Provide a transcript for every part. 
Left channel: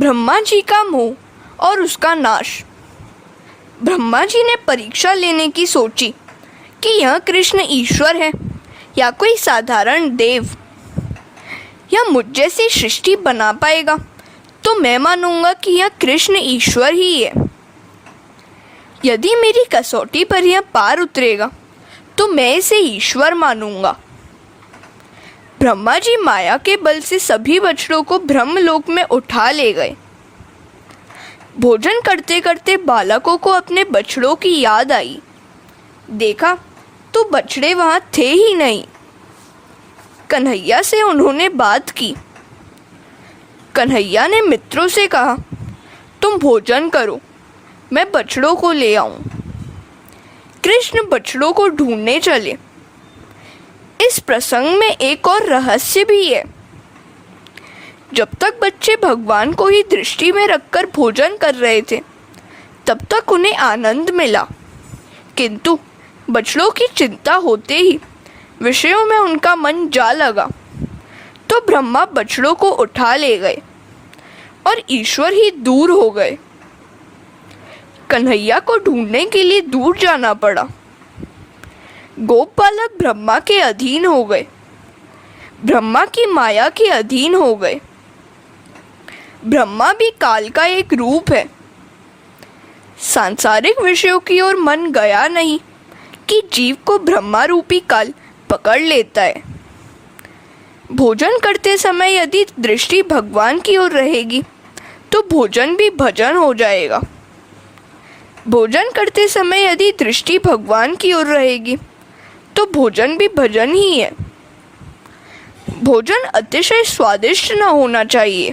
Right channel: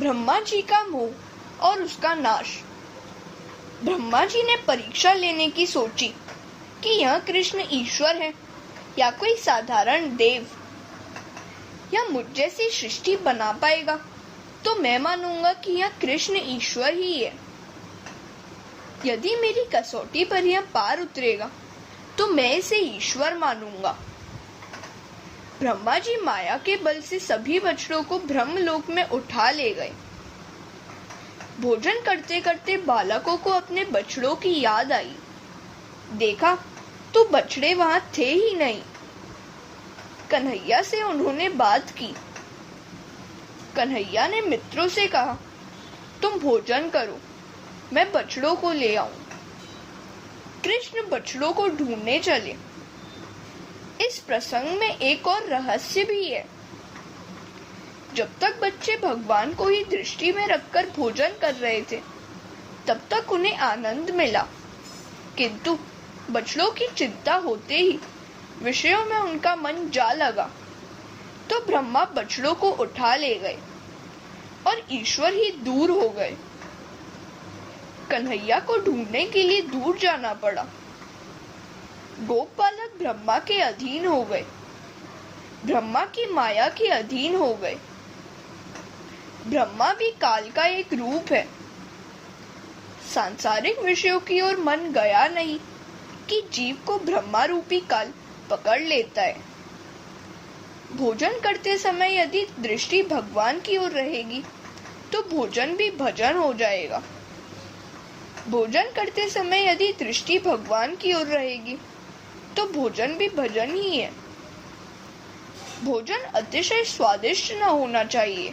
ब्रह्मा जी का मोह और उसका नाश। ब्रह्मा जी ने परीक्षा लेने की सोची कि यह कृष्ण ईश्वर है या कोई साधारण देव। यह मुझ जैसी सृष्टि बना पाएगा तो मैं मानूंगा कि यह कृष्ण ईश्वर ही है। यदि मेरी कसौटी पर यह पार उतरेगा तो मैं इसे ईश्वर मानूंगा। ब्रह्मा जी माया के बल से सभी बछड़ों को ब्रह्मलोक में उठा ले गए। भोजन करते करते बालकों को अपने बछड़ों की याद आई। देखा तो बछड़े वहां थे ही नहीं। कन्हैया से उन्होंने बात की। कन्हैया ने मित्रों से कहा, तुम भोजन करो, मैं बछड़ों को ले आऊं। कृष्ण बछड़ों को ढूंढने चले। इस प्रसंग में एक और रहस्य भी है। जब तक बच्चे भगवान को ही दृष्टि में रखकर भोजन कर रहे थे तब तक उन्हें आनंद मिला, किंतु बछड़ों की चिंता होते ही विषयों में उनका मन जा लगा तो ब्रह्मा बछड़ों को उठा ले गए और ईश्वर ही दूर हो गए। कन्हैया को ढूंढने के लिए दूर जाना पड़ा। गोप बालक ब्रह्मा के अधीन हो गए, ब्रह्मा की माया के अधीन हो गए। ब्रह्मा भी काल का एक रूप है। सांसारिक विषयों की ओर मन गया नहीं कि जीव को ब्रह्मा रूपी काल पकड़ लेता है। भोजन करते समय यदि दृष्टि भगवान की ओर रहेगी तो भोजन भी भजन हो जाएगा। भोजन करते समय यदि दृष्टि भगवान की ओर रहेगी तो भोजन भी भजन ही है। भोजन अतिशय स्वादिष्ट न होना चाहिए।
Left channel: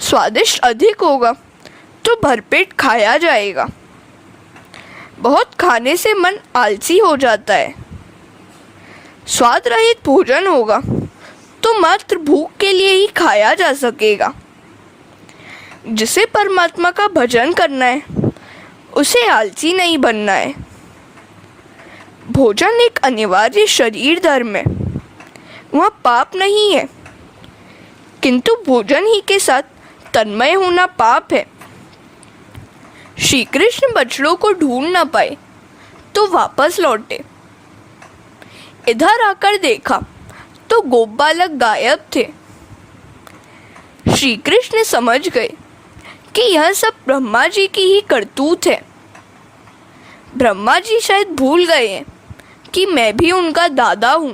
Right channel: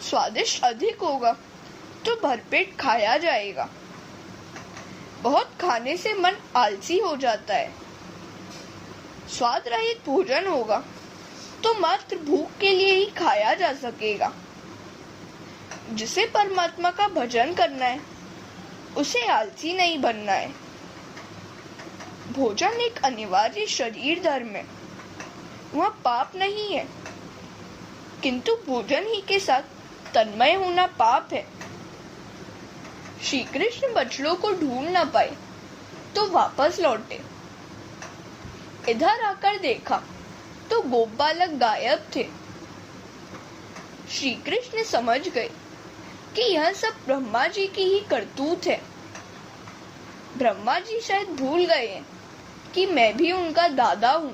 स्वादिष्ट अधिक होगा तो भरपेट खाया जाएगा। बहुत खाने से मन आलसी हो जाता है। स्वाद रहित भोजन होगा तो मात्र भूख के लिए ही खाया जा सकेगा। जिसे परमात्मा का भजन करना है उसे आलसी नहीं बनना है। भोजन एक अनिवार्य शरीर धर्म है, वह पाप नहीं है, किंतु भोजन ही के साथ तन्मय होना पाप है। श्री कृष्ण बछड़ों को ढूंढ न पाए तो वापस लौटे। इधर आकर देखा तो गोप बालक गायब थे। श्री कृष्ण समझ गए कि यह सब ब्रह्मा जी की ही करतूत है। ब्रह्मा जी शायद भूल गए हैं कि मैं भी उनका दादा हूं।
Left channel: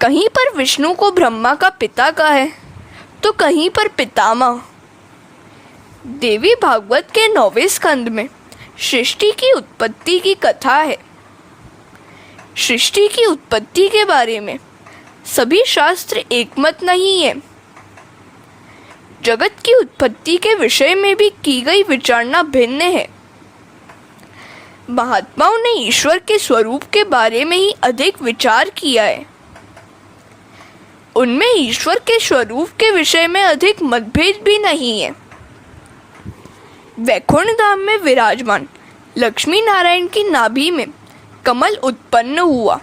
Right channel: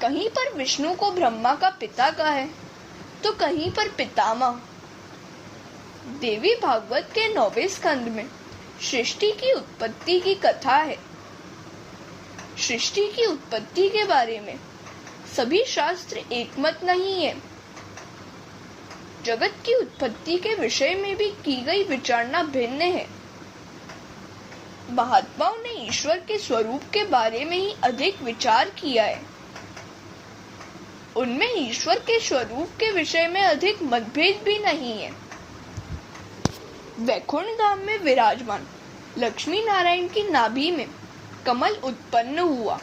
कहीं पर विष्णु को ब्रह्मा का पिता कहा है तो कहीं पर पितामह। देवी भागवत के 9वें स्कंद में सृष्टि की उत्पत्ति की कथा है। सृष्टि की उत्पत्ति के बारे में सभी शास्त्र एकमत नहीं है। जगत की उत्पत्ति के विषय में भी की गई विचारना भिन्न है। महात्माओं ने ईश्वर के स्वरूप के बारे में ही अधिक विचार किया है। उनमें ईश्वर के स्वरूप के विषय में अधिक मतभेद भी नहीं है। वैकुंठ धाम में विराजमान लक्ष्मी नारायण की नाभि में कमल उत्पन्न हुआ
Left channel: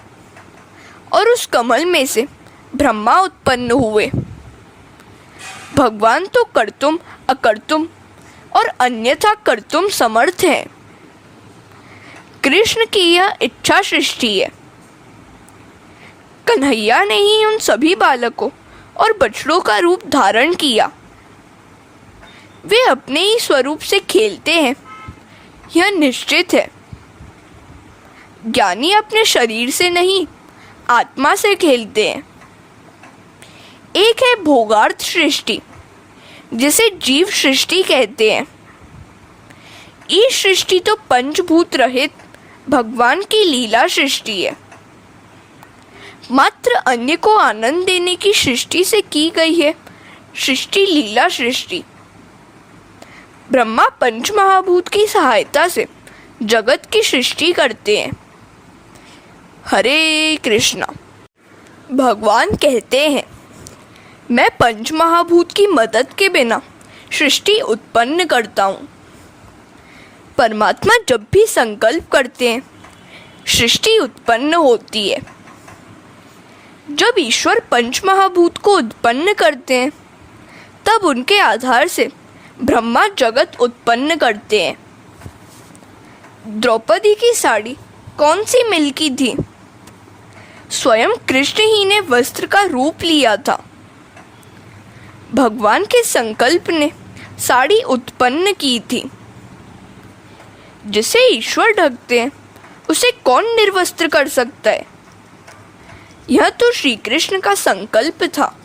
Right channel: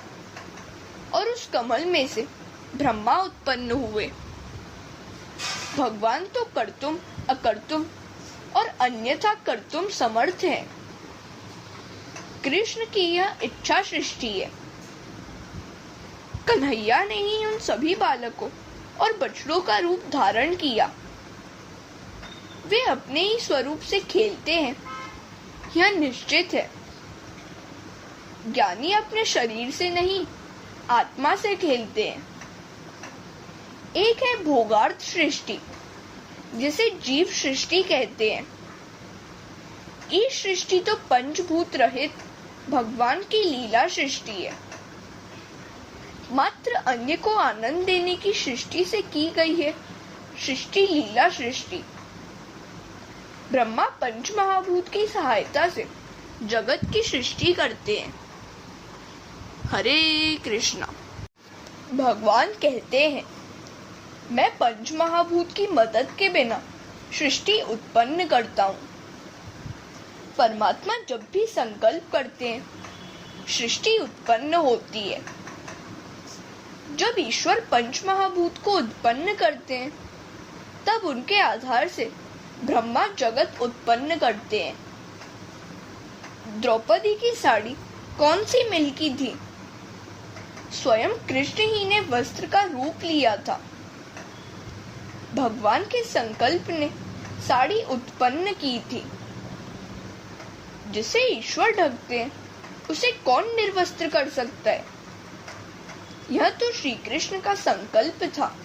और उस कमल में से ब्रह्मा उत्पन्न हुए। भगवान तो कर्तुम अकर्तुम और अन्यथा कर्तुम समर्थ हैं। कृष्ण की यह इच्छा सृष्टि है। कन्हैया ने ही उन सभी बालकों और बछड़ों का रूप धारण किया। वे अपने ही स्वरूप से खेलते हैं, यह निश्चित है। ज्ञानी अपने शरीर से नहीं, आत्मा से खेलते हैं। एक है भोगार्थ सृष्टि, जिसे जीव सृष्टि कहते हैं। इस सृष्टि तो पंचभूत रहित भगवान की लीला सृष्टि है। मात्र अन्य को आनंद देने की सृष्टि से की गई है सृष्टि लीला सृष्टि। ब्रह्मा पंच महाभूत की सहायता से जगत की सृष्टि करते हैं। हरे कृष्णा। भगवान कहते हैं, मैं पंच महाभूत की मदद के बिना सृष्टि उत्पन्न करता हूँ। परमात्मा जब भी संकल्प करते हैं सृष्टि उत्पन्न होती है। जब ईश्वर पंच महाभूत को उत्पन्न करते हैं तब उनके आधार से ब्रह्मा जगत उत्पन्न करते हैं। द्रौपदी की साड़ी कौन सी मिल की थी? स्वयं कृष्ण ही ने वस्त्र का रूप लिया था। भगवान के संकल्प ने साड़ी उत्पन्न की थी। जिसे ईश्वर ढकते हैं उसे कौन निर्वस्त्र कर सकता है? यह तो श्री कृष्ण का संकल्प था,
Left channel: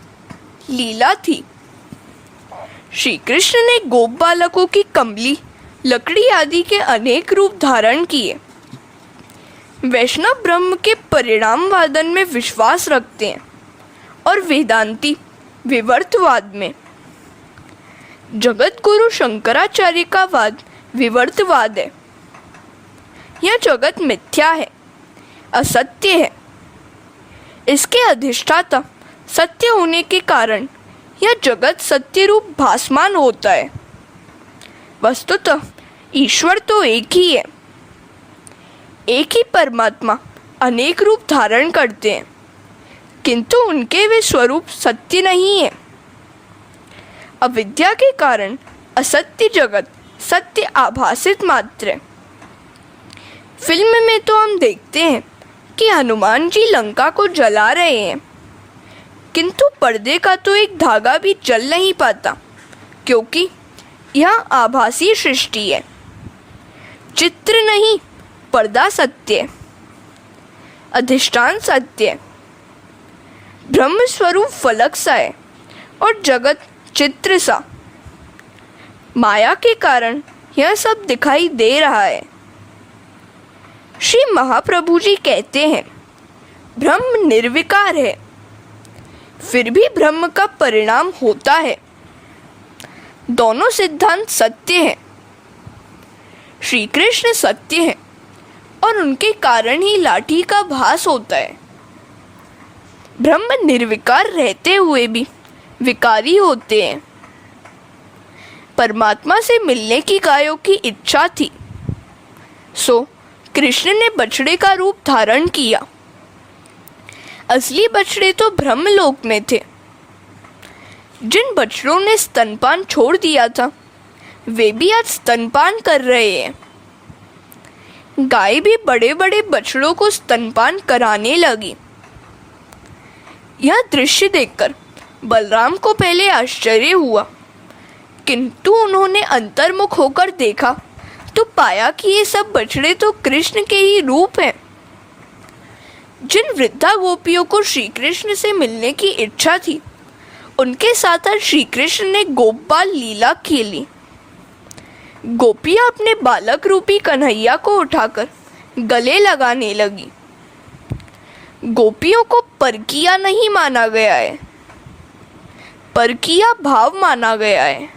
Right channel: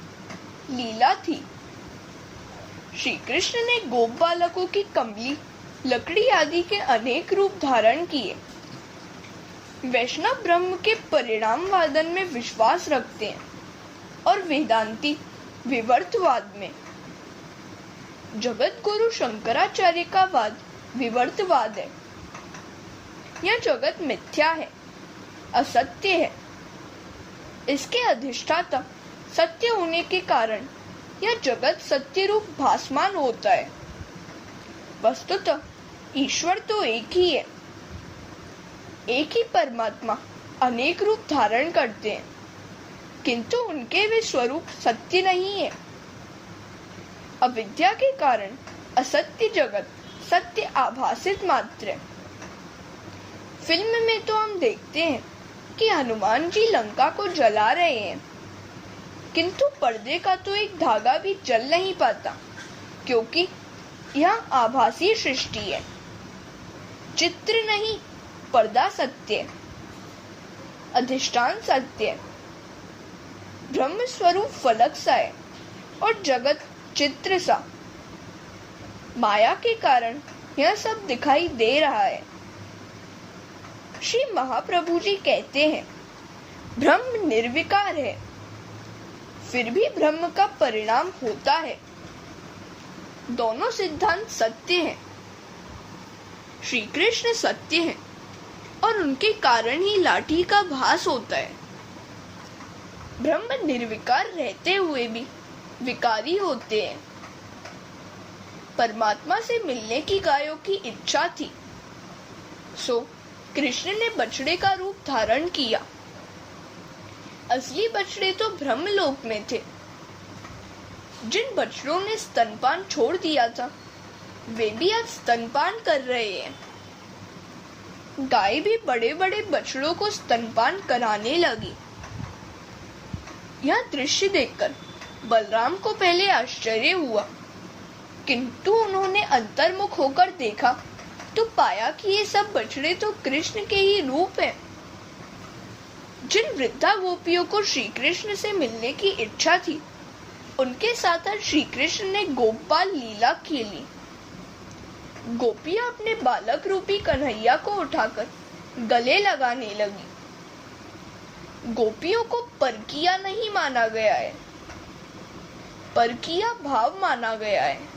लीला थी। श्री कृष्ण ने गोप बालकों की कमली, लकड़ी आदि के अनेक रूप धारण किए। वैष्णव ब्रह्म के परिणाम वादन में विश्वास रखते हैं और वेदांती विवर्तवाद में। जगत गुरु शंकराचार्य का वाद विवर्तवाद है। यह जगत मिथ्या है, असत्य है। इसके अधिष्ठाता सत्य होने के कारण यह जगत सत्य रूप भासमान होता है। वस्तुतः ईश्वर तो एक ही है। एक ही परमात्मा अनेक रूप धारण करते हैं, किंतु उनके वे स्वरूप सत्य नहीं है। अविद्या के कारण असत्य जगत सत्य आभासित मात्र है। फिल्म में तो हम देखते हैं कि हनुमान जी लंका को जला रहे हैं, किंतु पर्दे का तो एक धागा भी जल नहीं पाता, क्योंकि यह आभासी सृष्टि है। चित्र नहीं, पर्दा सत्य है, अधिष्ठान सत्य है। ब्रह्म स्वरूप फलक सा है और जगत चित्र सा। माया के कारण यह सब दिखाई दे रहा है। श्री महाप्रभु जी कहते हैं, ब्रह्म निर्विकार है, फिर भी ब्रह्म का परिणाम होता है। दोनों सिद्धांत सत्य हैं। श्री कृष्ण सत्य है और उनके कारण ही लाठी का भास होता है। ब्रह्म निर्विकार रहते हुए भी विकारी होते हैं। परमात्मा से मिलने की गायों की इच्छा थी, सो कृष्ण ने बछड़े का रूप धारण किया। असली बछड़े तो ब्रह्मलोक में थे। जिन बछड़ों ने स्तनपान छोड़ दिया था, वे भी आज स्तनपान कर रहे हैं। गाय भी बड़े बड़े बछड़ों को स्तनपान कराने लगी। यह दृश्य देखकर बलराम को पहले आश्चर्य हुआ, किंतु उन्होंने अंतर्मुख होकर देखा तो पाया कि ये सब बछड़े तो कृष्ण के ही रूप हैं। जिन वृद्धा गोपियों को श्री कृष्ण से मिलने की इच्छा थी, उनके साथ आज श्री कृष्ण ने गोपाल लीला खेली। गोपियां अपने बालक रूपी कन्हैया को उठाकर गले लगाने लगी। गोपियों को परकिया नहीं माना गया है, परकिया भाव माना गया है।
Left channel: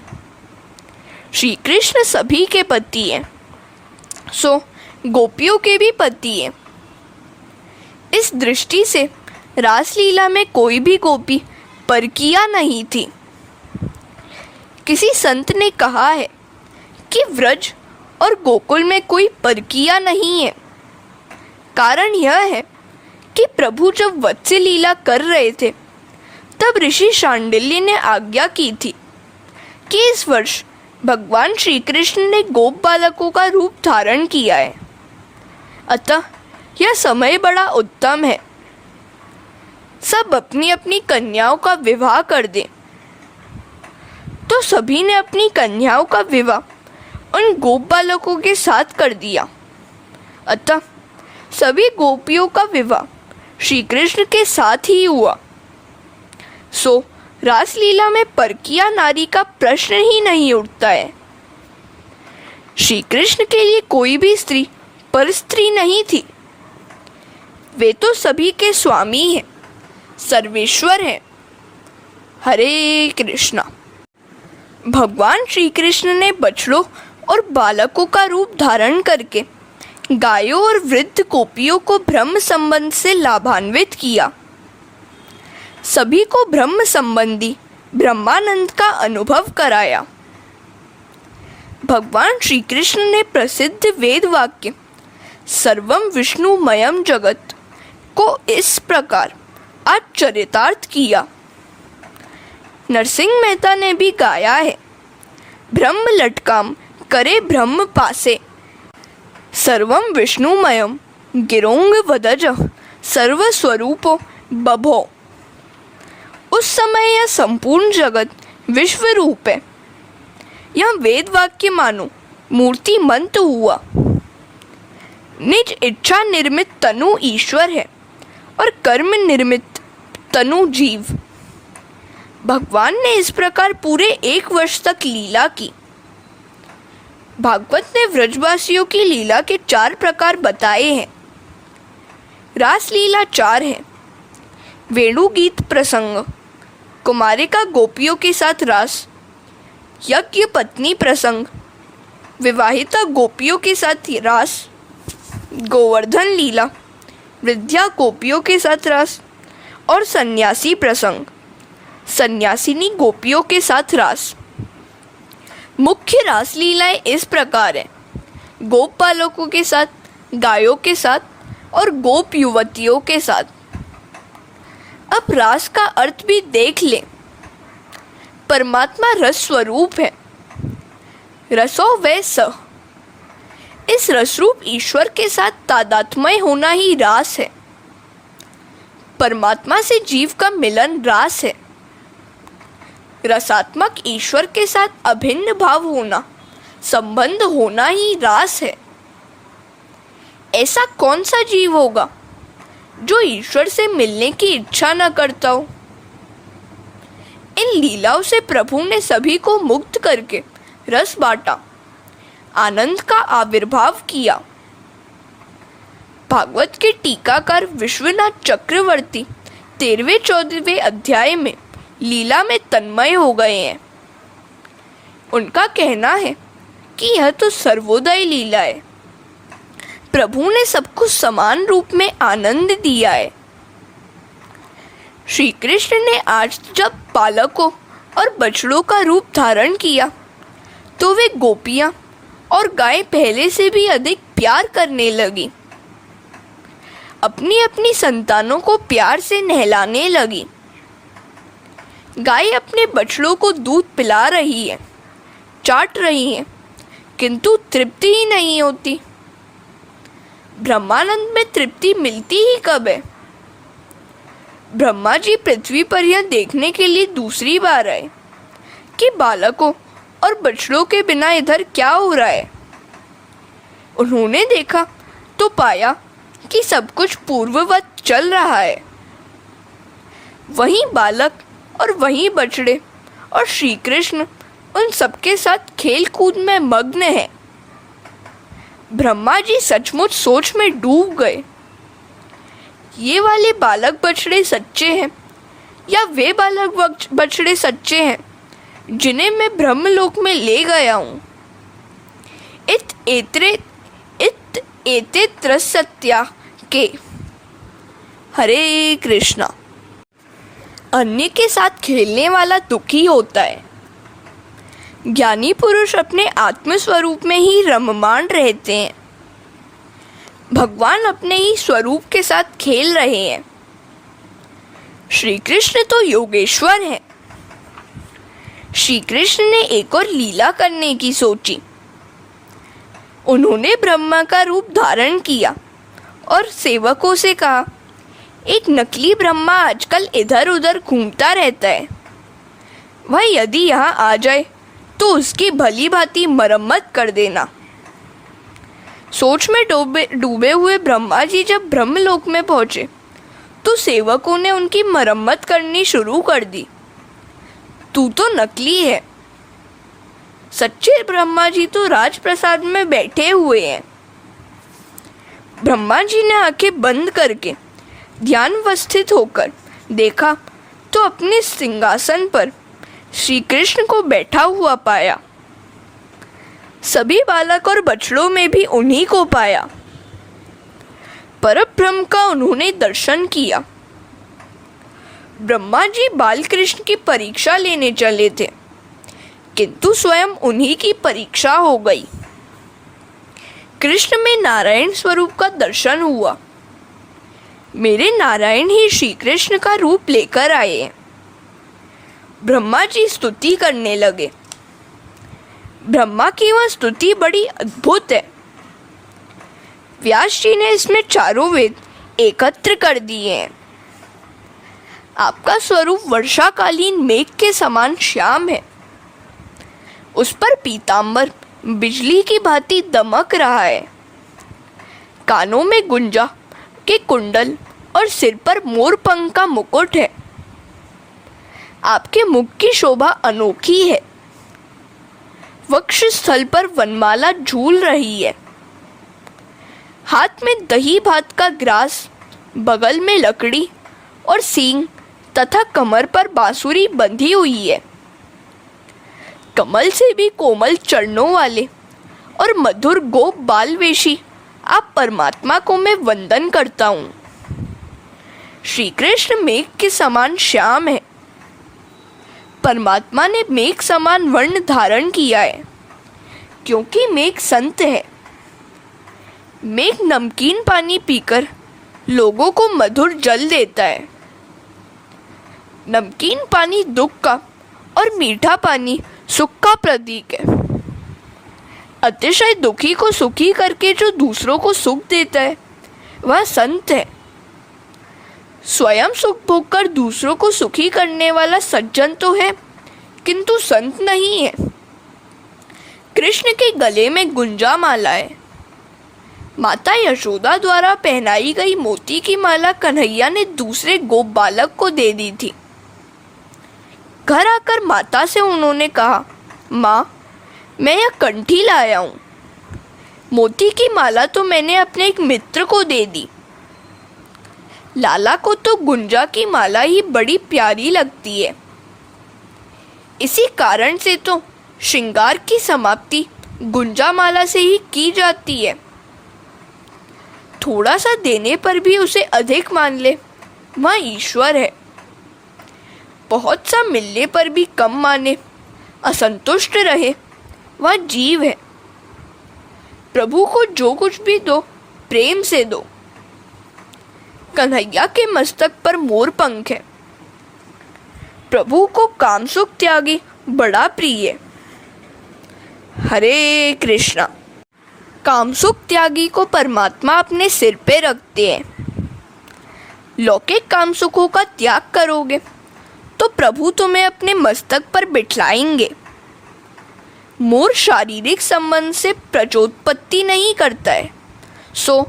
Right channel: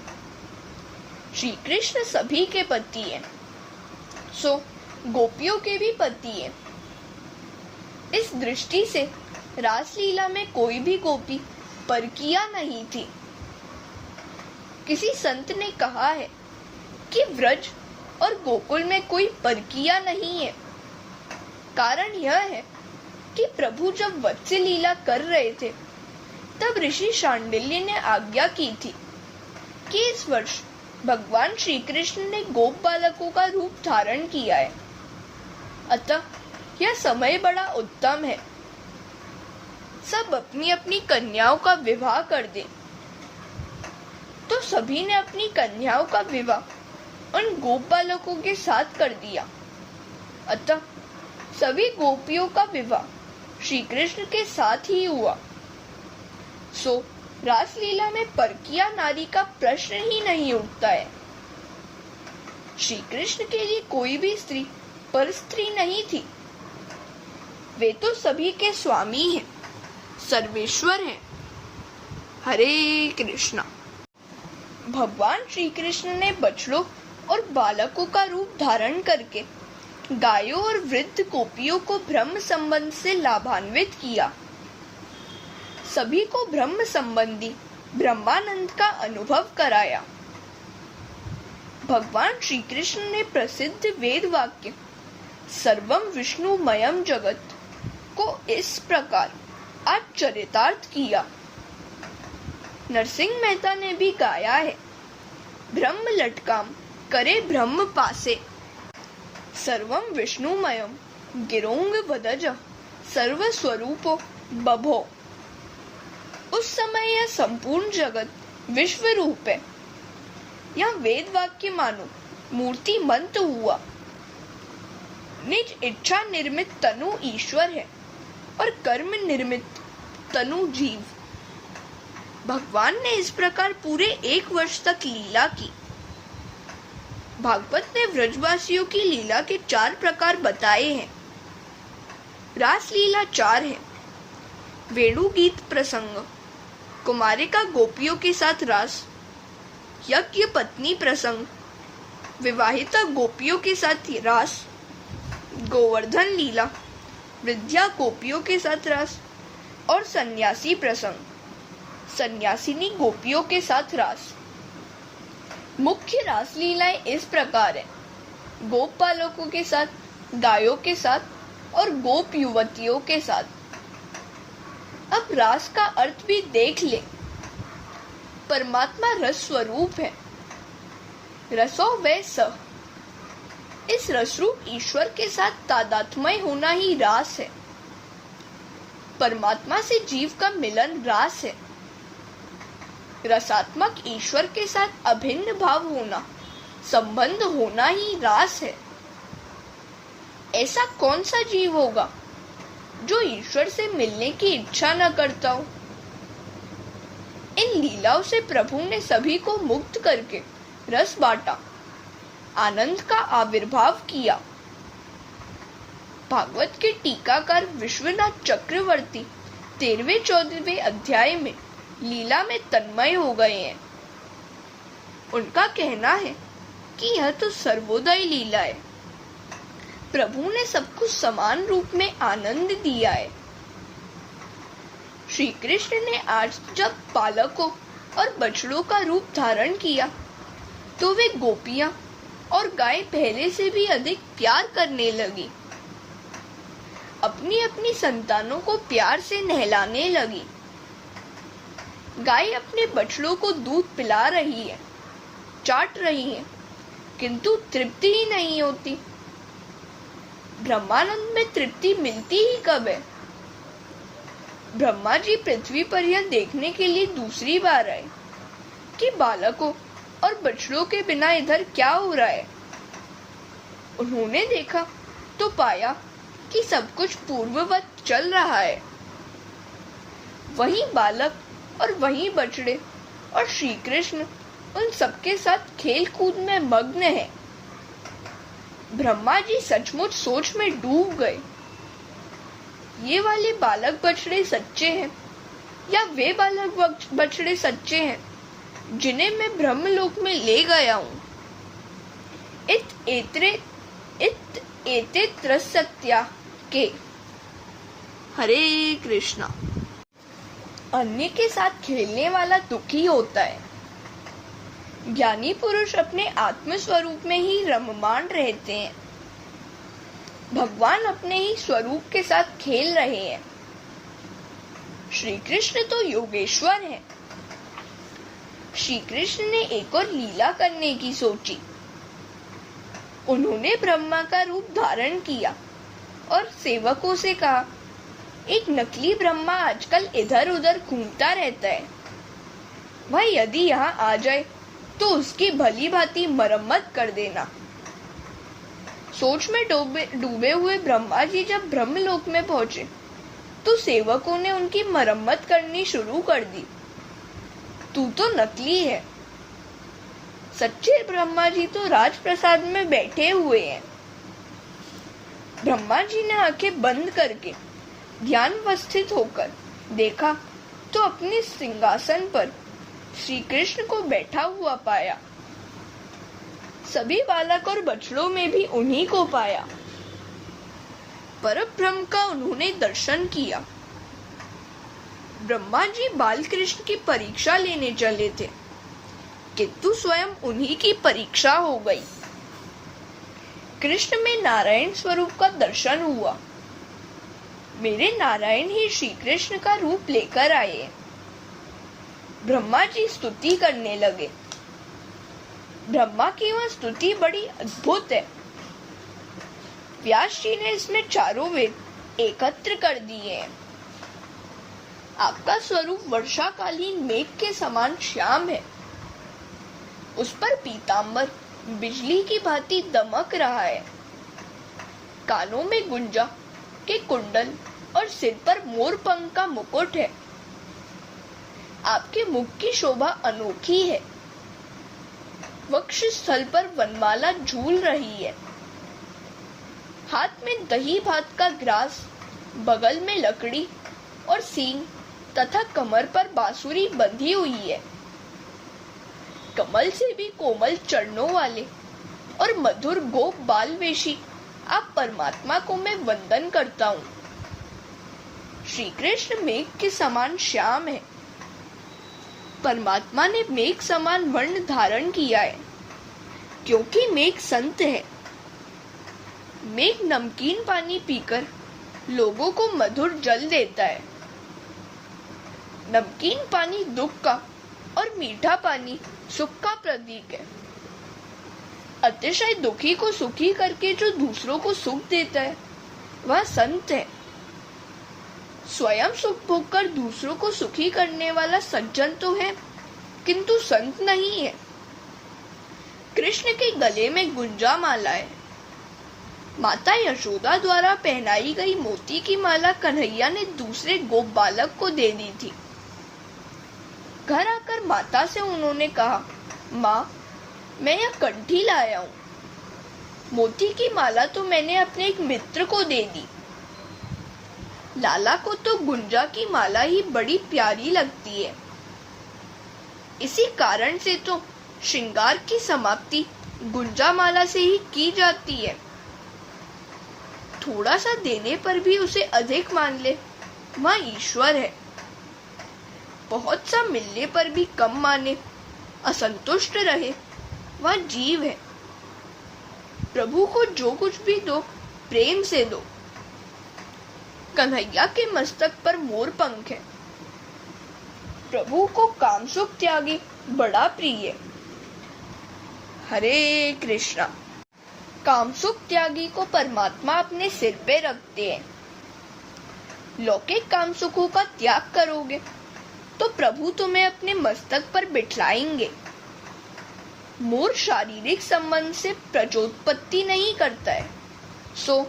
श्री कृष्ण सभी के पति हैं, सो गोपियों के भी पति हैं। इस दृष्टि से रासलीला में कोई भी गोपी परकिया नहीं थी। किसी संत ने कहा है कि व्रज और गोकुल में कोई परकिया नहीं है। कारण यह है कि प्रभु जब वत्स्य लीला कर रहे थे, तब ऋषि शांडिल्य ने आज्ञा की थी कि इस वर्ष भगवान श्री कृष्ण ने गोप बालकों का रूप धारण किया है, अतः यह समय बड़ा उत्तम है। सब अपनी अपनी कन्याओं का विवाह कर दें। तो सभी ने अपनी कन्याओं का विवाह उन गोप बालकों के साथ कर दिया, अतः सभी गोपियों का विवाह श्री कृष्ण के साथ ही हुआ। सो रासलीला में परकिया नारी का प्रश्न ही नहीं उठता है। श्री कृष्ण के लिए कोई भी स्त्री पर स्त्री नहीं थी। वे तो सभी के स्वामी हैं, सर्वेश्वर हैं। हरे कृष्णा। भगवान श्री कृष्ण ने बछड़ों और बालकों का रूप धारण करके गायों और वृद्ध गोपियों को ब्रह्म संबंध से लाभान्वित किया। सभी को ब्रह्म संबंधी ब्रह्मानंद का अनुभव कराया। भगवान श्री कृष्ण ने प्रसिद्ध वेद वाक्य सर्वम विष्णुमयम जगत को इस प्रकार आज चरितार्थ किया। नरसिंह मेहता ने भी गाया है, ब्रह्म लटकाम करे ब्रह्म पासे, सर्वम विष्णुमयम गिरोंग वदज सर्वस्वरूपो बभो। उस समय यह संपूर्ण जगत विश्व रूप है। यह वेद वाक्य मानो मूर्ति मंत हुआ। निज इच्छा निर्मित तनु ईश्वर है और कर्म निर्मित तनु जीव। भगवान ने इस प्रकार पूरे 1 वर्ष तक लीला की। भागवत ने व्रजवासियों की लीला के 4 प्रकार बताए हैं। रास लीला 4 है। वेणु गीत प्रसंग, कुमारिका गोपियों के साथ रास, यज्ञ पत्नी प्रसंग, विवाहिता गोपियों के साथ रास, गोवर्धन लीला, वृद्धा गोपियों के साथ रास, और सन्यासी प्रसंग, सन्यासिनी गोपियों के साथ रास। मुख्य रास लीलाएं इस प्रकार है, गोप बालकों के साथ, गायों के साथ और गोप युवतियों के साथ। अब रास का अर्थ भी देख ले। परमात्मा रस स्वरूप है। रसो वै स। इस रसरूप ईश्वर के साथ तादात्म्य होना ही रास है। परमात्मा से जीव का मिलन रास है। रसात्मक ईश्वर के साथ अभिन्न भाव होना, संबंध होना ही रास है। ऐसा कौन सा जीव होगा जो ईश्वर से मिलने की इच्छा न करता हो। इन लीलाओं से प्रभु ने सभी को मुक्त करके रस बांटा, आनंद का आविर्भाव किया। भागवत के टीकाकार विश्वनाथ चक्रवर्ती 13वें-14वें अध्याय में लीला में तन्मय हो गए हैं। उनका कहना है कि यह तो सर्वोदय लीला है। प्रभु ने सबको समान रूप में आनंद दिया है। श्री कृष्ण ने आज जब बालकों और बछड़ों का रूप धारण किया तो वे गोपियां और गाय पहले से भी अधिक प्यार करने लगी। अपनी अपनी संतानों को प्यार से नहलाने लगी। गाय अपने बछड़ों को दूध पिला रही है, चाट रही है, किंतु तृप्ति ही नहीं होती। ब्रह्मानंद में तृप्ति मिलती ही कब है। ब्रह्मा जी पृथ्वी पर यह देखने के लिए दूसरी बार आए कि बालकों और बछड़ों के बिना इधर क्या हो रहा है। उन्होंने देखा तो पाया कि सब कुछ पूर्ववत चल रहा है। वही बालक और वही बछड़े और श्री कृष्ण उन सबके साथ खेल कूद में मग्न है। ब्रह्मा जी सचमुच सोच में डूब गए। ये वाले बालक बछड़े सच्चे हैं या वे बालक बछड़े सच्चे हैं जिन्हें मैं ब्रह्मलोक में ले गया हूँ। एते त्रसत्या के। हरे कृष्णा। अन्य के साथ खेलने वाला दुखी होता है। ज्ञानी पुरुष अपने आत्म स्वरूप में ही रममाण रहते हैं। भगवान अपने ही स्वरूप के साथ खेल रहे हैं। श्री कृष्ण तो योगेश्वर हैं। श्री कृष्ण ने एक और लीला करने की सोची। उन्होंने ब्रह्मा का रूप धारण किया और सेवकों से कहा, एक नकली ब्रह्मा आजकल इधर उधर घूमता रहता है। वह यदि यहाँ आ जाए तो उसकी भली भांति मरम्मत कर देना। सोच में डूबे हुए ब्रह्मा जी जब ब्रह्मलोक में पहुंचे तो सेवकों ने उनकी मरम्मत करनी शुरू कर दी। तू तो नकली है। सच्चे ब्रह्मा जी तो राजप्रसाद में बैठे हुए हैं। ब्रह्मा जी ने आंखें बंद करके ध्यानवस्थित होकर देखा तो अपने सिंहासन पर श्री कृष्ण को बैठा हुआ पाया। सभी बालक और बछड़ों में भी उन्हीं को पाया। परब्रह्म का उन्होंने दर्शन किया। ब्रह्मा जी बाल कृष्ण की परीक्षा लेने चले थे, किंतु स्वयं उन्हीं की परीक्षा हो गई। कृष्ण में नारायण स्वरूप का दर्शन हुआ। मेरे नारायण ही श्री कृष्ण का रूप लेकर आए। ब्रह्मा जी स्तुति करने लगे। ब्रह्मा की वह स्तुति बड़ी अद्भुत है। व्यास जी ने इसमें चारों वेद एकत्र कर दिए हैं। आपका स्वरूप वर्षाकालीन मेघ के समान श्याम है। उस पर पीतांबर बिजली की भांति दमक रहा है। कानों में गुंजा के कुंडल और सिर पर मोर पंख का मुकुट है। आपके मुख की शोभा अनोखी है। वक्ष स्थल पर वनमाला झूल रही है। हाथ में दही भात का ग्रास, बगल में लकड़ी और सींग तथा कमर पर बांसुरी बंधी हुई है। कमल से भी कोमल चरणों वाले और मधुर गोप बालवेशी आप परमात्मा को मैं वंदन करता हूँ। श्री कृष्ण मेघ के समान श्याम है। परमात्मा ने मेघ समान वर्ण धारण किया है, क्योंकि मेघ संत है। मेघ नमकीन पानी पीकर लोगों को मधुर जल देता है। नमकीन पानी दुख का और मीठा पानी सुख का प्रतीक है। अतिशय दुखी को सुखी करके जो दूसरों को सुख देता है वह संत है। स्वयं सुख भोग कर दूसरों को सुखी करने वाला सज्जन तो है, किंतु संत नहीं है। कृष्ण के गले में गुंजा माला है। माता यशोदा द्वारा पहनाई गई मोती की माला कन्हैया ने दूसरे गोप बालक को दे दी थी। घर आकर माता से उन्होंने कहा, माँ, मैं यह कंठी लाया हूँ। मोती की माला तो मैंने अपने एक मित्र को दे दी। लाला को तो गुंजा की माला ही बड़ी प्यारी लगती है। इसी कारण से तो श्रृंगार की समाप्ति गुंजा माला से ही की जाती है। थोड़ा सा देने पर भी उसे अधिक मान ले, वह ईश्वर है। बहुत सा मिलने पर भी कम माने, असंतुष्ट रहे, वह जीव है। प्रभु को जो कुछ भी दो, प्रेम से दो। कन्हैया के मस्तक पर मोर पंख है। प्रभु को कामसुख त्यागी बड़ा प्रिय है। हरे कृष्णा। कामसुख त्यागी को परमात्मा अपने सिर पे रखते हैं। लौकिक कामसुखों का त्याग करोगे तो प्रभु तुम्हें अपने मस्तक पर बिठलाएंगे। मोर शारीरिक संबंध से प्रचोत्पत्ति नहीं करता है, सो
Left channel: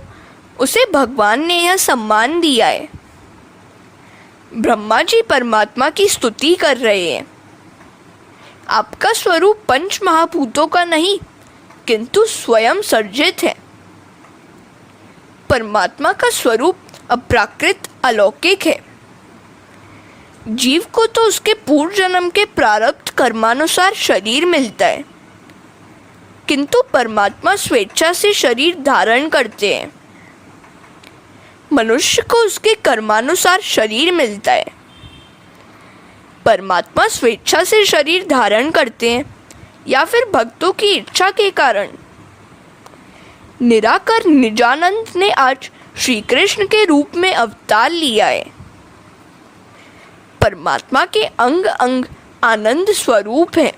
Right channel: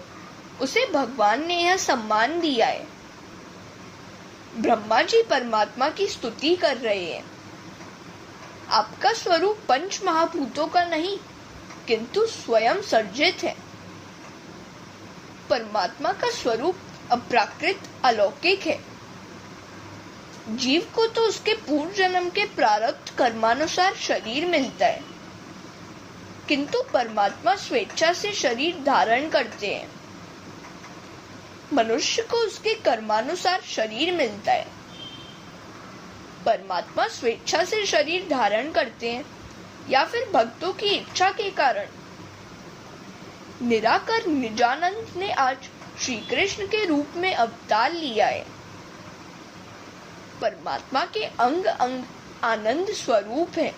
उसे भगवान ने यह सम्मान दिया है। ब्रह्मा जी परमात्मा की स्तुति कर रहे हैं। आपका स्वरूप पंच महाभूतों का नहीं, किंतु स्वयं सर्जित है। परमात्मा का स्वरूप अप्राकृत अलौकिक है। जीव को तो उसके पूर्व जन्म के प्रारब्ध कर्मानुसार शरीर मिलता है, किंतु परमात्मा स्वेच्छा से शरीर धारण करते हैं। मनुष्य को उसके कर्मानुसार शरीर मिलता है। परमात्मा स्वेच्छा से शरीर धारण करते हैं या फिर भक्तों की इच्छा के कारण। निराकर निजानंद ने आज श्री कृष्ण के रूप में अवतार लिया है। परमात्मा के अंग अंग आनंद स्वरूप है।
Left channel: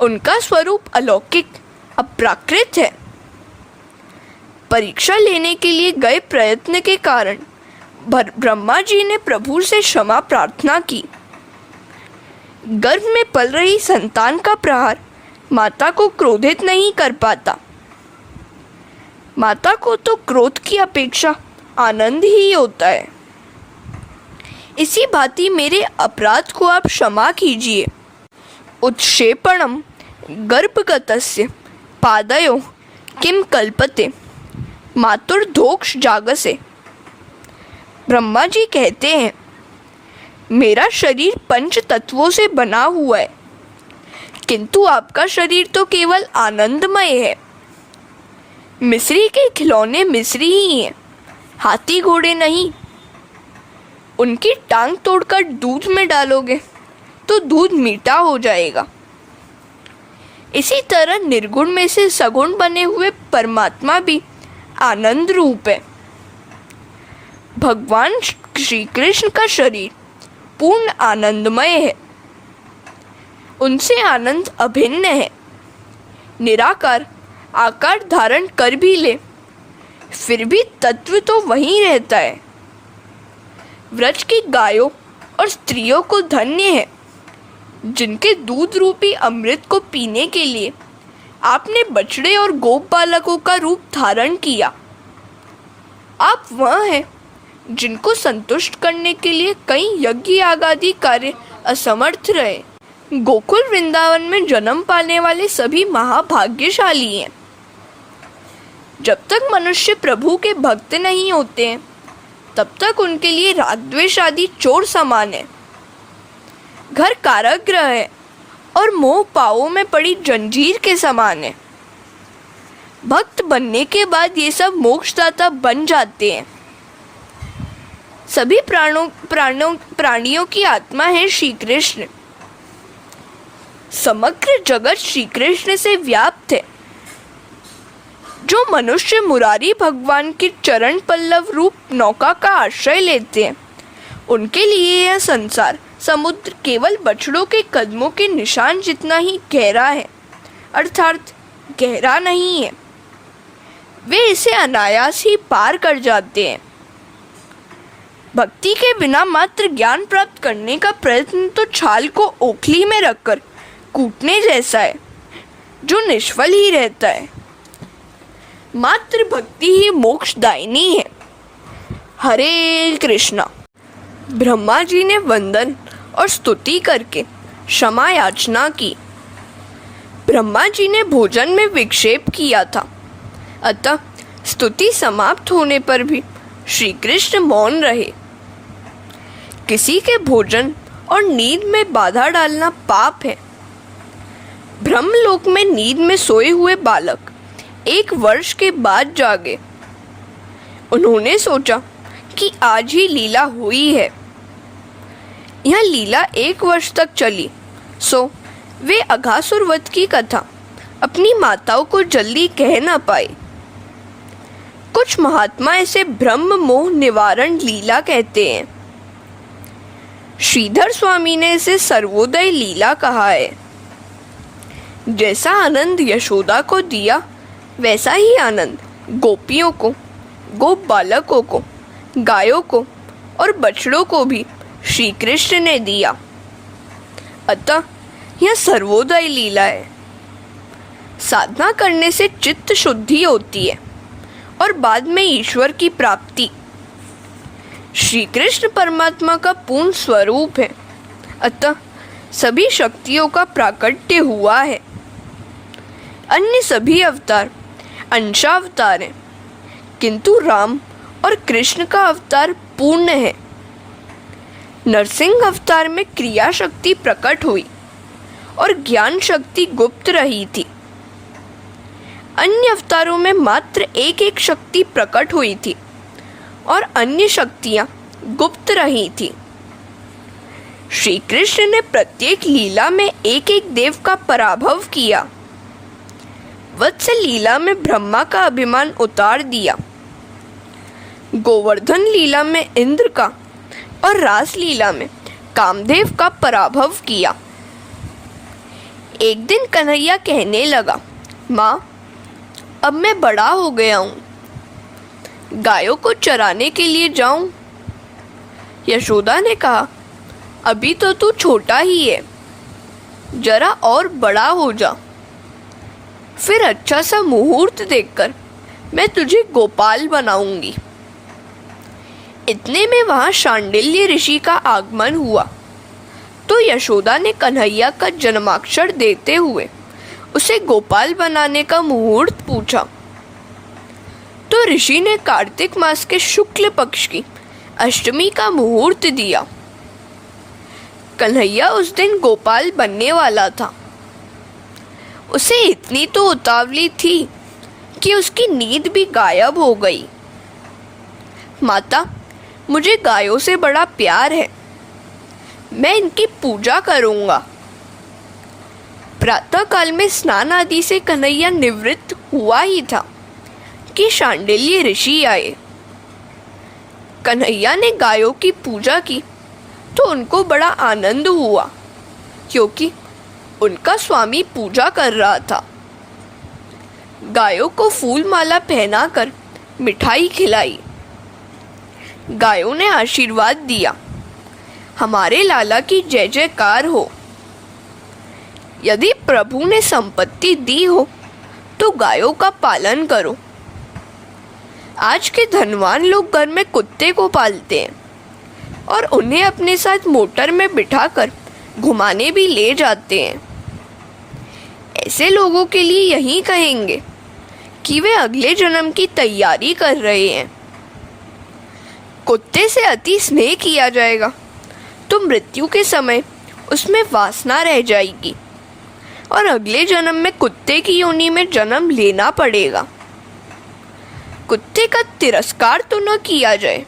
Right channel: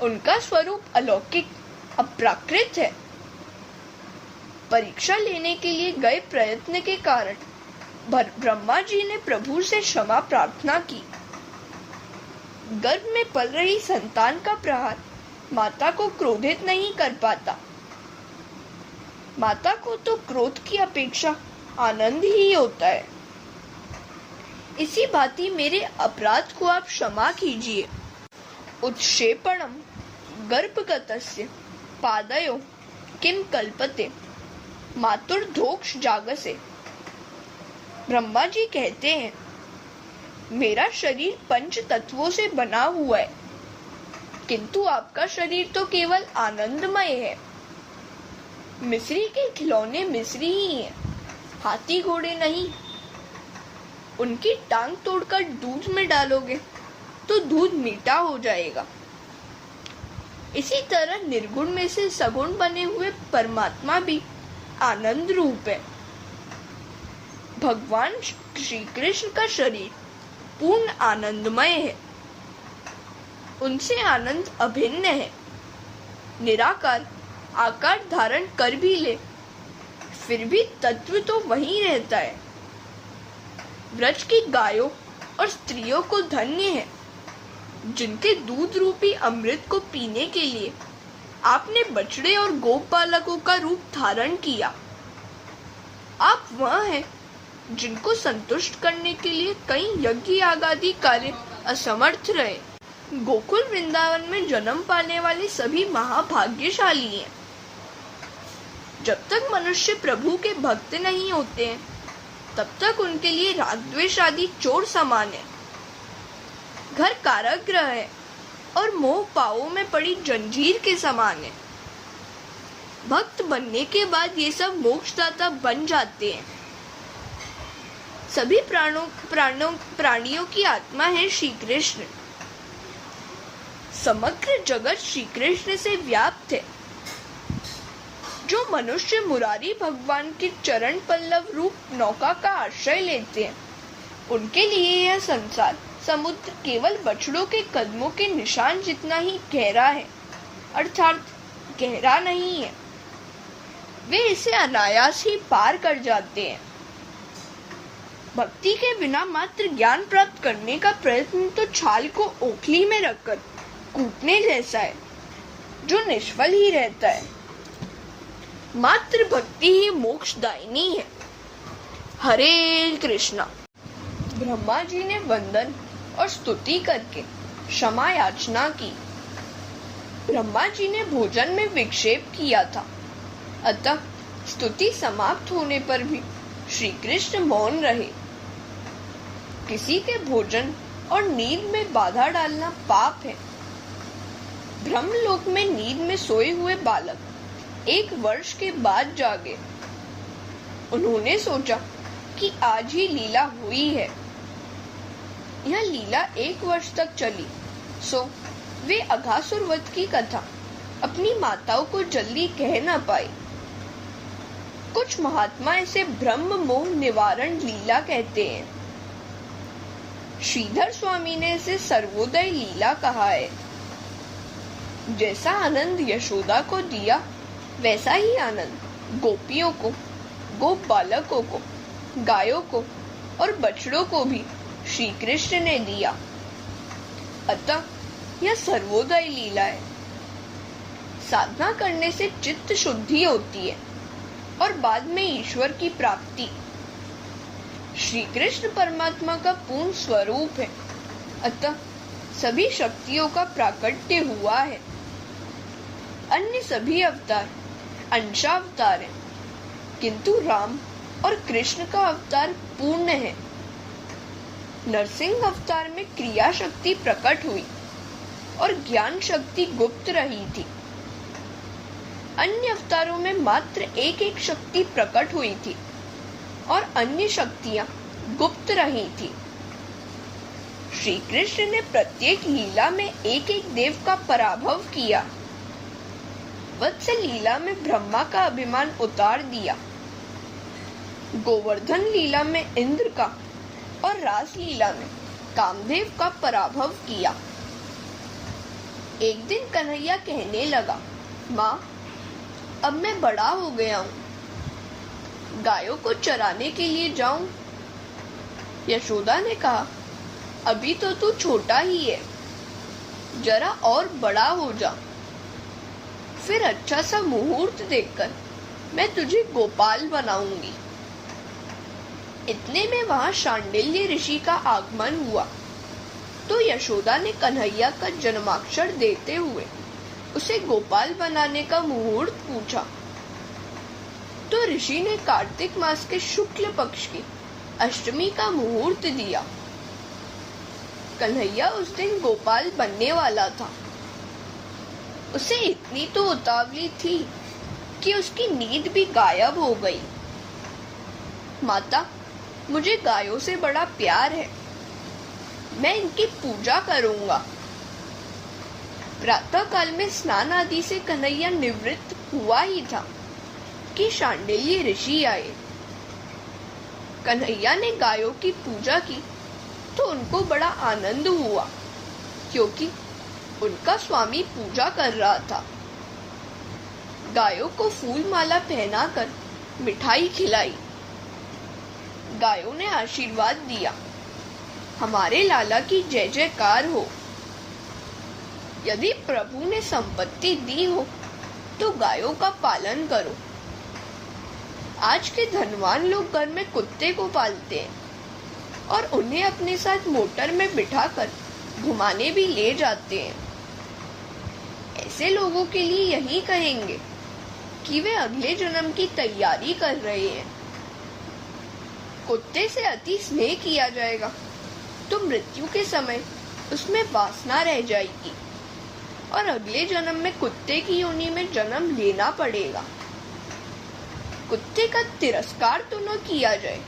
उनका स्वरूप अलौकिक अप्राकृत है। परीक्षा लेने के लिए गए प्रयत्न के कारण ब्रह्मा जी ने प्रभु से क्षमा प्रार्थना की। गर्भ में पल रही संतान का प्रहार माता को क्रोधित नहीं कर पाता। माता को तो क्रोध की अपेक्षा आनंद ही होता है। इसी भांति मेरे अपराध को आप क्षमा कीजिए। उत्क्षेपणम गर्भगतस्य पादयो किम कल्पते मातुर्धोक्ष जागसे। ब्रह्मा जी कहते हैं, मेरा शरीर पंच तत्वों से बना हुआ है, किंतु आपका शरीर तो केवल आनंदमय है। मिस्री के खिलौने मिस्री ही हैं, हाथी घोड़े नहीं। उनकी टांग तोड़कर दूध में डालोगे तो दूध मीठा हो जाएगा। इसी तरह निर्गुण में से सगुण बने हुए परमात्मा भी आनंद रूप है। भगवान श्री कृष्ण का शरीर पूर्ण आनंदमय है, उनसे आनंद अभिन्न है। निराकार आकार धारण कर भी ले, फिर भी तत्व तो वहीं रहता है। व्रज की गायों और स्त्रियों को धन्य है, जिनके दूध रूपी अमृत को पीने के लिए आपने बछड़े और गोप बालकों का रूप धारण किया। आप वह हैं जिनको संतुष्ट करने के लिए कई यज्ञ आदि कार्य असमर्थ रहे। गोकुल वृंदावन में जन्म पाने वाले सभी महाभाग्यशाली हैं। जब तक मनुष्य प्रभु के भक्त नहीं होते हैं, तब तक उनके लिए राग द्वेष आदि चोर समान है। घर कारागृह है और मोह पावों में पड़ी जंजीर के समान है। भक्त बनने के बाद ये सब मोक्षदाता बन जाते हैं। सभी प्राणियों की आत्मा है श्री कृष्ण। समग्र जगत श्री कृष्ण से व्याप्त है। जो मनुष्य मुरारी भगवान की चरण पल्लव रूप नौका का आश्रय लेते हैं, उनके लिए यह संसार समुद्र केवल बछड़ों के कदमों के निशान जितना ही गहरा है, अर्थात गहरा नहीं है। वे इसे अनायास ही पार कर जाते हैं। भक्ति के बिना मात्र ज्ञान प्राप्त करने का प्रयत्न तो छाल को ओखली में रखकर कूटने जैसा है, जो निष्फल ही रहता है। मात्र भक्ति ही मोक्षदायिनी है। हरे कृष्णा। ब्रह्मा जी ने वंदन और स्तुति करके क्षमा याचना की। ब्रह्मा जी ने भोजन में विक्षेप किया था, अतः स्तुति समाप्त होने पर भी श्री कृष्ण मौन रहे। किसी के भोजन और नींद में बाधा डालना पाप है। ब्रह्मलोक में नींद में सोए हुए बालक 1 वर्ष के बाद जागे। उन्होंने सोचा कि आज ही लीला हुई है। यह लीला 1 वर्ष तक चली, सो वे अघासुर वध की कथा अपनी माताओं को जल्दी कह न पाए। कुछ महात्मा इसे ब्रह्म मोह निवारण लीला कहते हैं। श्रीधर स्वामी ने इसे सर्वोदय लीला कहा है। जैसा आनंद यशोदा को दिया, वैसा ही आनंद गोपियों को, गोप बालकों को, गायों को और बछड़ों को भी श्री कृष्ण ने दिया। अतः यह सर्वोदय लीला है। साधना करने से चित्त शुद्धि होती है और बाद में ईश्वर की प्राप्ति। श्री कृष्ण परमात्मा का पूर्ण स्वरूप है, अतः सभी शक्तियों का प्राकट्य हुआ है। अन्य सभी अवतार अंशावतार हैं, किंतु राम और कृष्ण का अवतार पूर्ण है। नरसिंह अवतार में क्रिया शक्ति प्रकट हुई और ज्ञान शक्ति गुप्त रही थी। अन्य अवतारों में मात्र एक एक शक्ति प्रकट हुई थी और अन्य शक्तियां गुप्त रही थी। श्री कृष्ण ने प्रत्येक लीला में एक एक देव का पराभव किया। वत्स लीला में ब्रह्मा का अभिमान उतार दिया, गोवर्धन लीला में इंद्र का और रास लीला में कामदेव का पराभव किया। एक दिन कन्हैया कहने लगा, माँ, अब मैं बड़ा हो गया हूँ, गायों को चराने के लिए जाऊं? यशोदा ने कहा, अभी तो तू छोटा ही है, जरा और बड़ा हो जा, फिर अच्छा सा मुहूर्त देखकर मैं तुझे गोपाल बनाऊंगी। इतने में वहां शांडिल्य ऋषि का आगमन हुआ, तो यशोदा ने कन्हैया का जन्माक्षर देते हुए उसे गोपाल बनाने का मुहूर्त पूछा। तो ऋषि ने कार्तिक मास के शुक्ल पक्ष की अष्टमी का मुहूर्त दिया। कन्हैया उस दिन गोपाल बनने वाला था। उसे इतनी तो उतावली थी कि उसकी नींद भी गायब हो गई। माता, मुझे गायों से बड़ा प्यार है, मैं इनकी पूजा करूंगा। प्रातः काल में स्नान आदि से कन्हैया निवृत्त हुआ ही था कि शांडिल्य ऋषि आए। कन्हैया ने गायों की पूजा की तो उनको बड़ा आनंद हुआ, क्योंकि उनका स्वामी पूजा कर रहा था। गायों को फूल माला पहनाकर मिठाई खिलाई। गायों ने आशीर्वाद दिया, हमारे लाला की जय जयकार हो। यदि प्रभु ने संपत्ति दी हो तो गायों का पालन करो। आज के धनवान लोग घर में कुत्ते को पालते हैं और उन्हें अपने साथ मोटर में बिठाकर घुमाने भी ले जाते हैं। ऐसे लोगों के लिए यही कहेंगे कि वे अगले जन्म की तैयारी कर रहे हैं। कुत्ते से अति स्नेह किया जाएगा तो मृत्यु के समय उसमें वासना रह जाएगी और अगले जन्म में कुत्ते की योनि में जन्म लेना पड़ेगा। कुत्ते का तिरस्कार तो न किया जाए,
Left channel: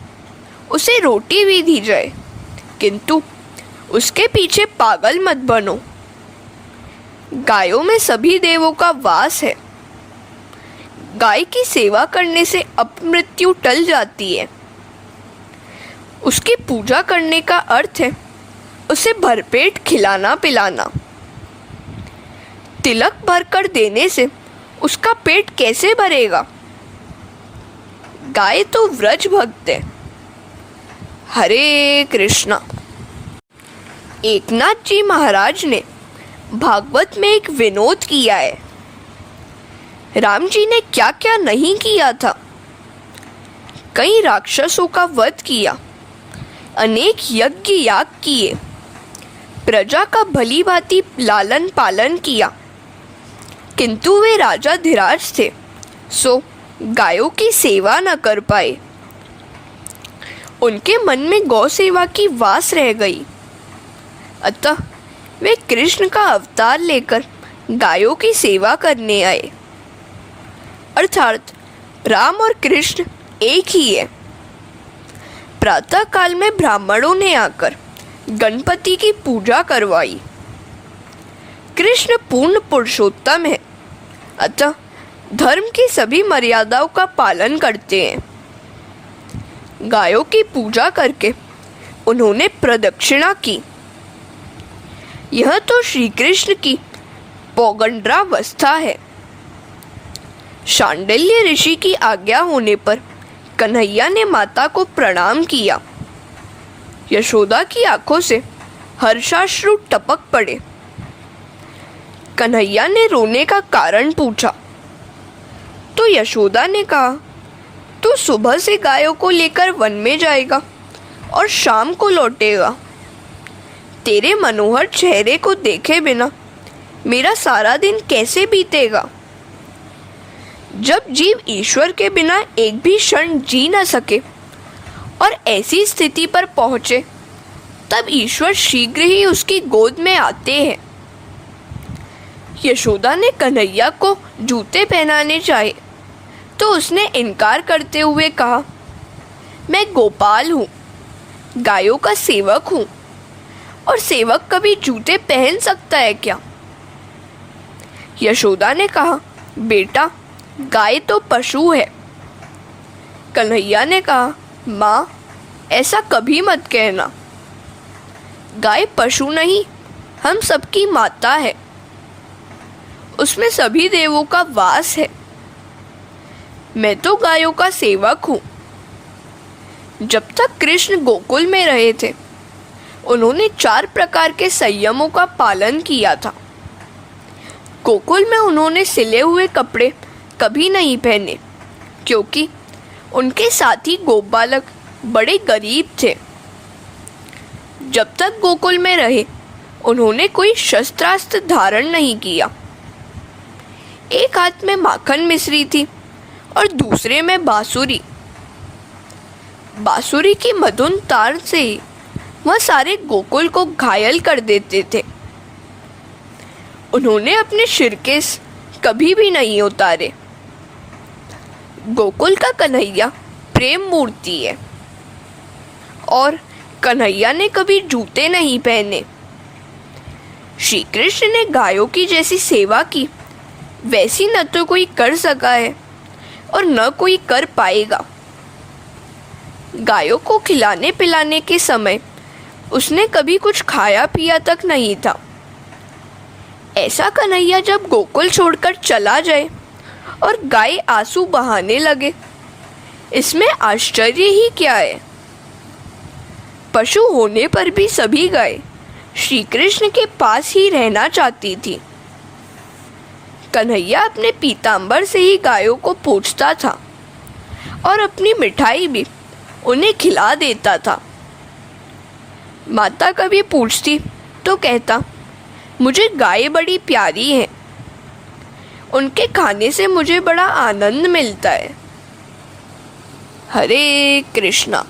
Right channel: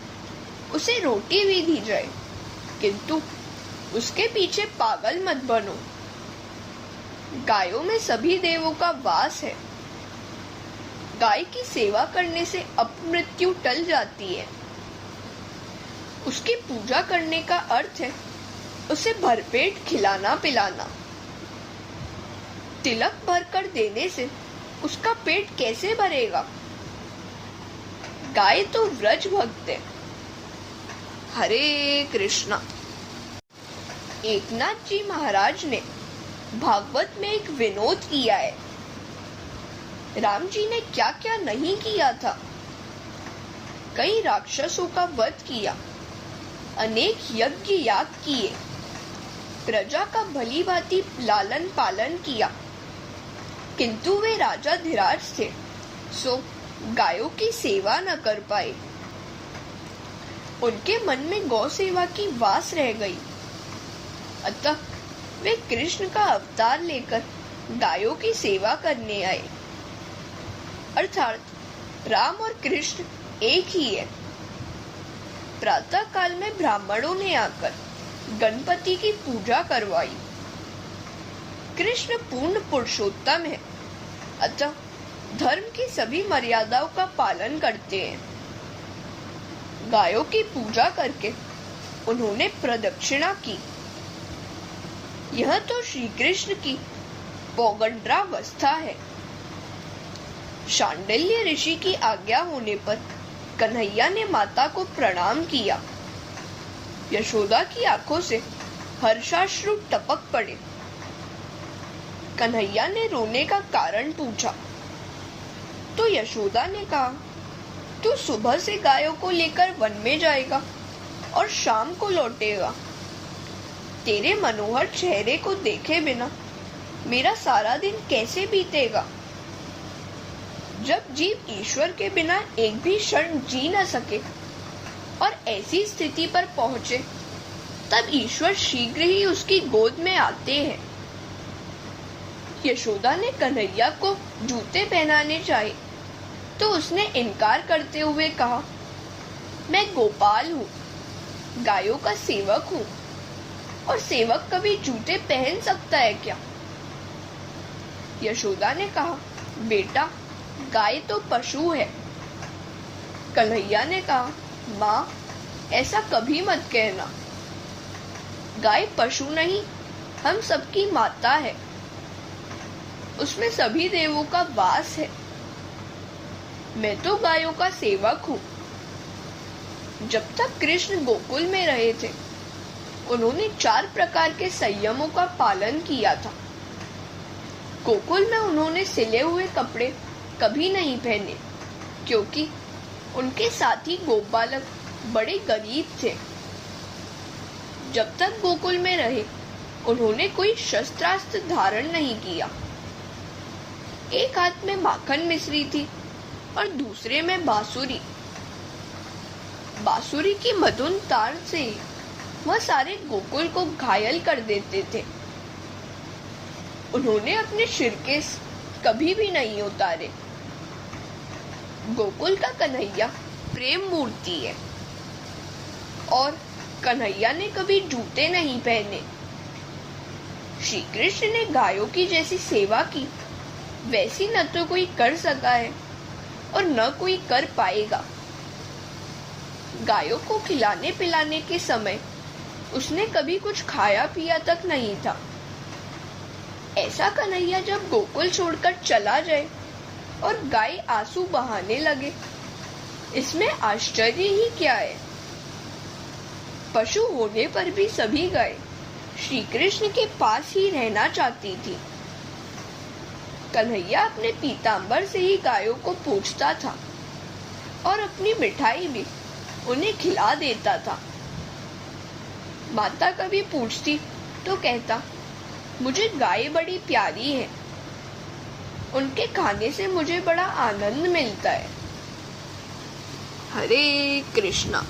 उसे रोटी भी दी जाए, किंतु उसके पीछे पागल मत बनो। गायों में सभी देवों का वास है। गाय की सेवा करने से अपमृत्यु टल जाती है। उसकी पूजा करने का अर्थ है उसे भरपेट खिलाना पिलाना। तिलक भरकर देने से उसका पेट कैसे भरेगा? गाय तो व्रज भक्त है। हरे कृष्णा। एकनाथ जी महाराज ने भागवत में एक विनोद किया है। राम जी ने क्या क्या नहीं किया था। कई राक्षसों का वध किया, अनेक यज्ञ याग किए, प्रजा का भली भांति लालन पालन किया, किंतु वे राजा धीराज थे, सो गायों की सेवा न कर पाए। उनके मन में गौ सेवा की वास रह गई, अतः वे कृष्ण का अवतार लेकर गायों की सेवा करने आए। अर्थात राम और कृष्ण एक ही है। प्रातः काल में ब्राह्मणों ने आकर गणपति की पूजा करवाई। कृष्ण पूर्ण पुरुषोत्तम है, अतः धर्म की सभी मर्यादाओं का पालन करते हैं। गायों की पूजा करके उन्होंने प्रदक्षिणा की। यह तो श्री कृष्ण की पौगंड्रावस्था है। शांडिल्य ऋषि की आज्ञा होने पर कन्हैया ने माता को प्रणाम किया। यशोदा की आंखों से हर्षाश्रु टपक पड़े। कन्हैया ने रोने का कारण पूछा तो यशोदा ने कहा, तू सुबह से गायों को लेकर वन में जाएगा और शाम को लौटेगा। तेरे मनोहर चेहरे को देखे बिना मेरा सारा दिन कैसे बीतेगा? जब जीव ईश्वर के बिना एक भी क्षण जी न सके और ऐसी स्थिति पर पहुंचे, तब ईश्वर शीघ्र ही उसकी गोद में आते हैं। यशोदा ने कन्हैया को जूते पहनाने चाहे तो उसने इनकार करते हुए कहा, मैं गोपाल हूँ, गायों का सेवक हूँ, और सेवक कभी जूते पहन सकता है क्या? यशोदा ने कहा, बेटा गाय तो पशु है। कन्हैया ने कहा, माँ ऐसा कभी मत कहना। गाय पशु नहीं, हम सबकी माता है। उसमें सभी देवों का वास है। मैं तो गायों का सेवक हूँ। जब तक कृष्ण गोकुल में रहे थे, उन्होंने 4 प्रकार के संयमों का पालन किया था। गोकुल में उन्होंने सिले हुए कपड़े कभी नहीं पहने, क्योंकि उनके साथी गोप बालक बड़े गरीब थे। जब तक गोकुल में रहे, उन्होंने कोई शस्त्रास्त्र धारण नहीं किया। एक हाथ में माखन मिश्री थी और दूसरे में बांसुरी। बांसुरी की मधुर तार से ही वह सारे गोकुल को घायल कर देते थे। उन्होंने अपने शिरकेस कभी भी नहीं उतारे। गोकुल का कन्हैया प्रेम मूर्ति है और कन्हैया ने कभी जूते नहीं पहने। श्री कृष्ण ने गायों की जैसी सेवा की, वैसी न तो कोई कर सका है और न कोई कर पाएगा। गायों को खिलाने पिलाने के समय उसने कभी कुछ खाया पिया तक नहीं था। ऐसा कन्हैया जब गोकुल छोड़कर चला जाए और गाय आंसू बहाने लगे, इसमें आश्चर्य ही क्या है। पशु होने पर भी सभी गाय श्री कृष्ण के पास ही रहना चाहती थी। कन्हैया अपने पीताम्बर से ही गायों को पूछता था और अपनी मिठाई भी उन्हें खिला देता था। माता कभी पूछती तो कहता, मुझे गाय बड़ी प्यारी है, उनके खाने से मुझे बड़ा आनंद मिलता है। हरे कृष्णा।